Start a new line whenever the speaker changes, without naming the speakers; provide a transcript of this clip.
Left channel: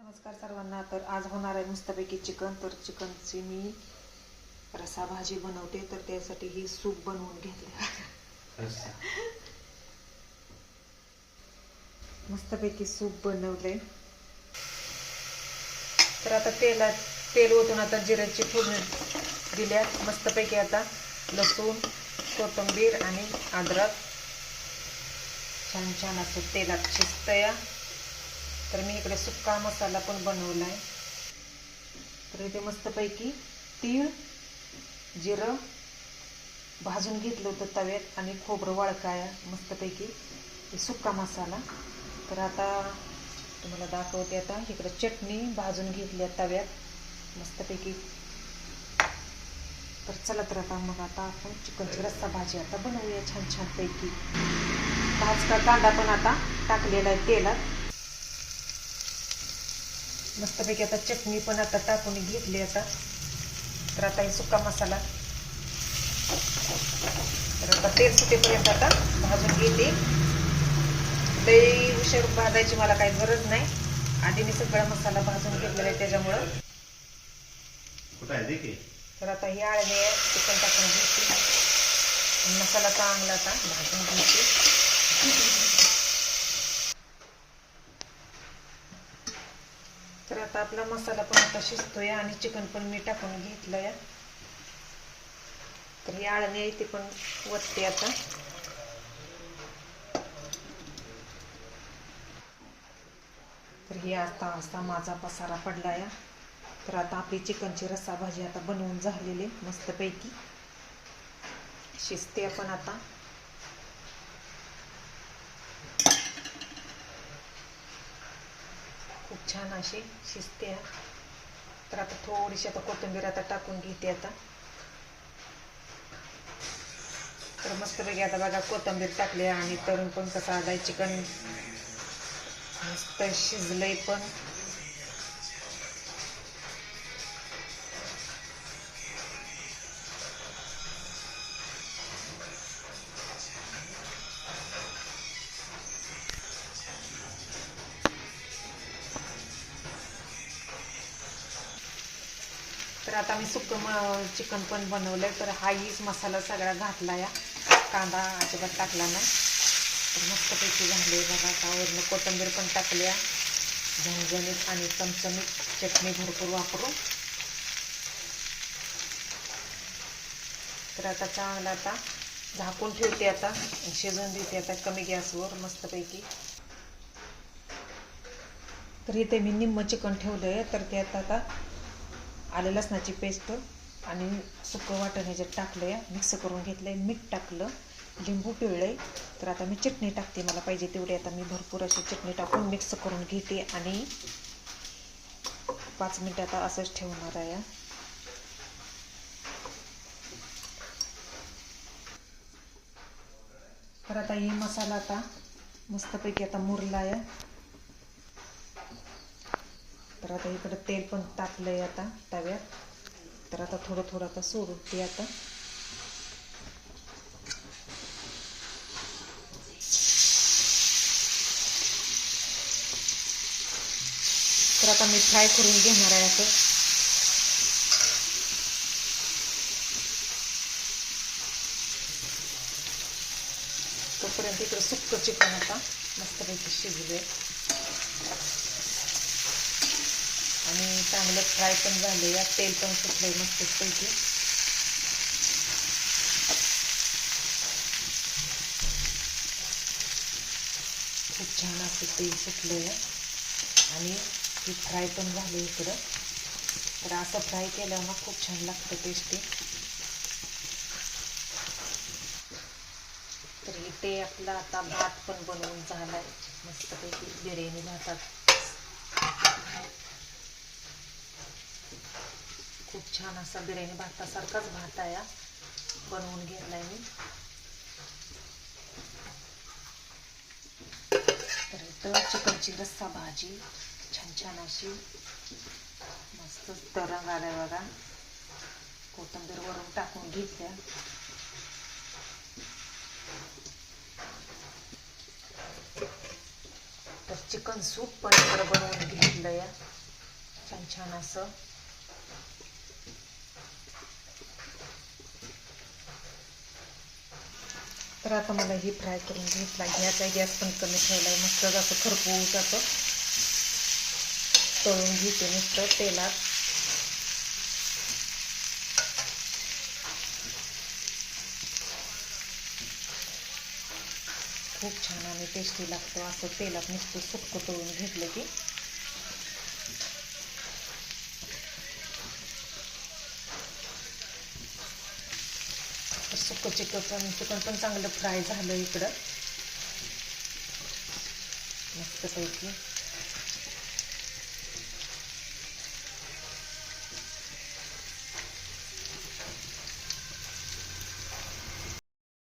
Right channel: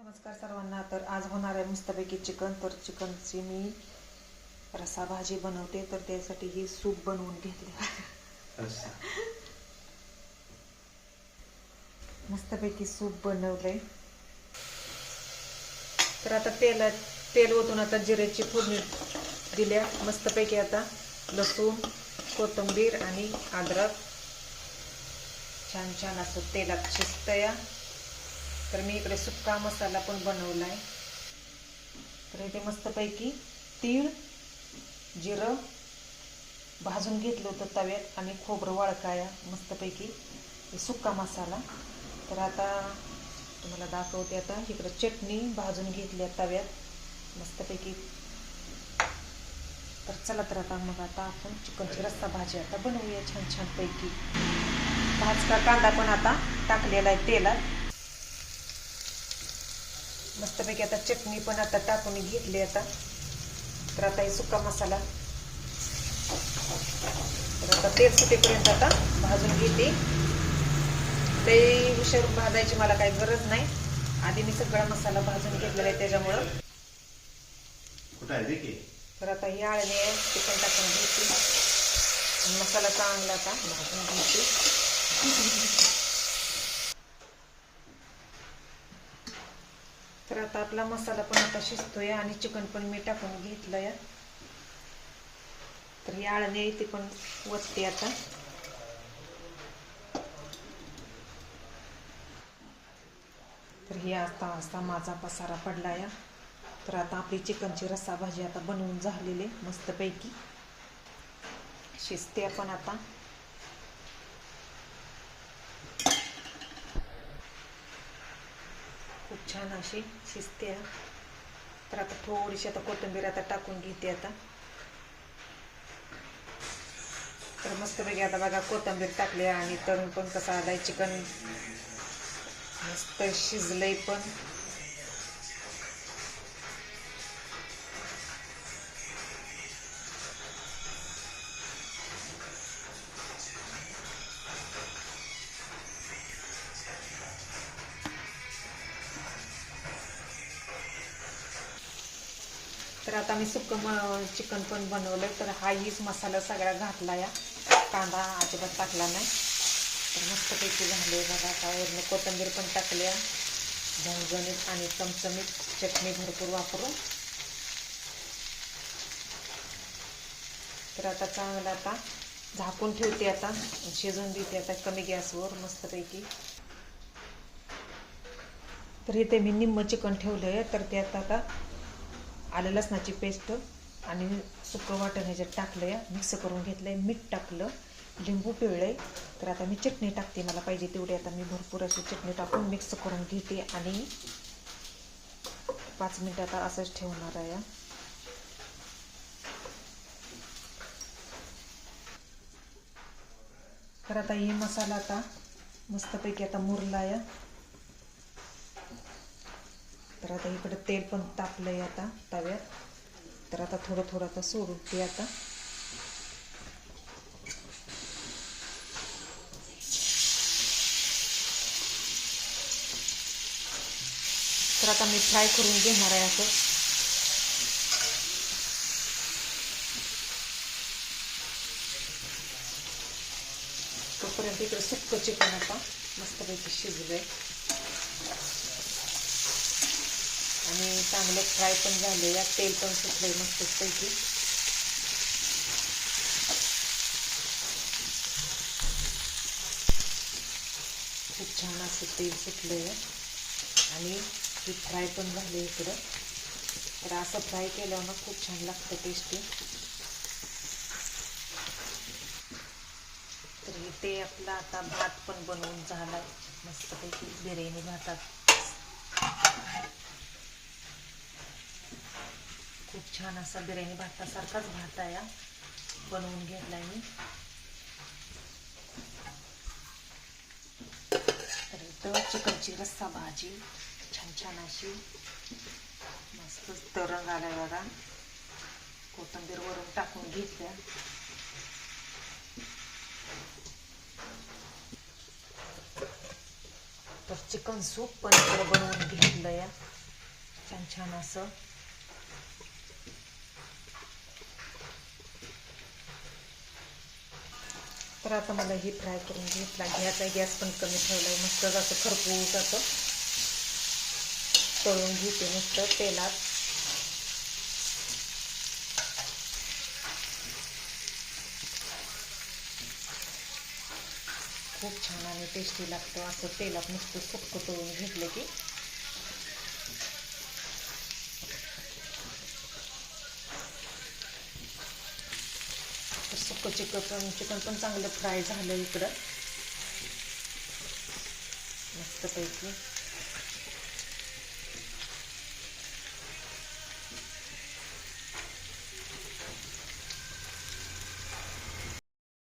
नमस्कार सर्वांना. तर आज होणार आहे मस्तपैकी चिकन. तर चिकनची मी रसा भाजी बनवते. तर त्यासाठी ही सूप बनवून घेतले मस्तपैकी सूप बनवले तर आता तेला तेल ओतून आता जिऱ्याची फोडणी दिल्या. मस्तपैकी आता लसूण कोथिंबीर आणि अद्रक. छान छान असं तेलात शिजतया. तर मी इकडे सुक्का मसाला पण बनवला आहे तर इथे मस्तपैकी तीळ जिरं भाजून घेतलं होतं तव्यात आणि खोबरं वाळकाया. मस्तपैकी सुक्का मसाला. तर आता तुम्हाला दाखवते आता. इकडं चटणी भाजून घेतली आहे तव्यात. मस्तपैकी. तर चला तर आता मग आता आपण चिकनची रस्सा भाजी आता बनवूया छान छानपैकी. भाजका कांदा पण आता टाकलेला आहे तेलात. मस्तपैकी आता चटणी पण आता टाकून घेतली आता. तर आता हे सुका मसाला. तर आता तेल सुटेपर्यंत आता भाजून घेते. ते उशीर भाजायची मला काही गरज नाही. आधी मी सगळा मसाला भाजून घेतलेला आहे त्याच्यामुळं. तर आता ही आळणी चिकन टाकून आणि मसाला चांगला आता भाजून घ्यायची तर आता आपला मसाला पण आता शिजतोय आणि चिकन पण मी टाकून घेतलं या तर ही आळणी आहे ती पण वतते आता. तर ही असता असता माझा पसारा पडला या तर आता आपली चिकनची रस्सा भाजी आता बनवून झालेली आहे मस्तपैकी. शिजते आपण आता. छान अशी शिजते तर आता थोडीशी आता कोथिंबीर आता टाकून घेते आता. तर मस्तपैकी आता बघा कोथिंबीर टाकली आणि तरुण पण कसा आलाय चिकन मस्त शिजलंय पण. आता मी सुक्क चिकन पण बनवलंय तर हा हीच मसाला सगळा घातला या. कांदा अजिबात टाकला नाही. तर मस्तपैकी झाले बघा आता. वरून कोथिंबीर पण टाकल्या झणझणीत आणि चमचमीत चटणी भरपूर वापरू तर आता चांगला आता झाकून ठेवते आता. शिजवून देते आता कमी गॅसवर मस्तपैकी. तर इथे मी निम्म चिकन ठेवलं आहे तर आता आता आलं लसणाची पेस्ट आणि सुकं वाटण ह्याच्यात टाकलं या मिक्स करून घेतलं आहे मीठ टाकलं लिंबू पिळलं आहे तर आता मी चटणी टाकते मला पाहिजे तेवढी. आता मी भरपूर अशी चटणी टाकून मिक्स करून घेते आणि पाच मिनटं आता असंच ठेवणार आहे. तर आता हे मसाला आता मस्तपैकी आता मुरला आहे तर आता इकडं तेल पण तापलंय आता तव्यात. तर आता थोडं थोडं आता सोडून ते आता. तर आता मी फ्राय करून घेणार आहे असं. तोपर्यंत इकडं सुक्क चिकन आता मस्तपैकी शिजले आणि चांगलं फ्राय पण झाले या तेल पण सुटलंय मस्तपैकी. खूप छान असं तेल सुटलंय. आणि ती फ्राय पण झाली इकडं. तर असं फ्राय केल्यावर ना खूप छान लागतं टेस्टी तर इथे आपला आता भात पण बनवून झालाय. मस्तपैकी बिर्याणी भातात. खूप छान असा बिर्याणी भातासारखाच भात आहे हा. बनवून घेतलाय मी. तर इथं चिकनची रस्सा भाजी छान छान अशी मस्त तरंग आलाय बघा. कोथंबीर वरून टाकून घेतल्या. तर चिकन सूप पण इकडं बनवून घेतलं या छान छान असं. तर आता मला ही फ्राय करून घेतला. घ्यायचा गॅस पण कमी ठेवला आहे मस्त असं खरपूस असं तळून घेते नुसतं तेलात. खूप छान आणि टेस्टी लागतं असं तेलात नुसतं सुक्क तळून घेतलं की. सुक्क चिकन पण चिकन पण चांगलं फ्राय झालं इकडं. मस्तपैकी.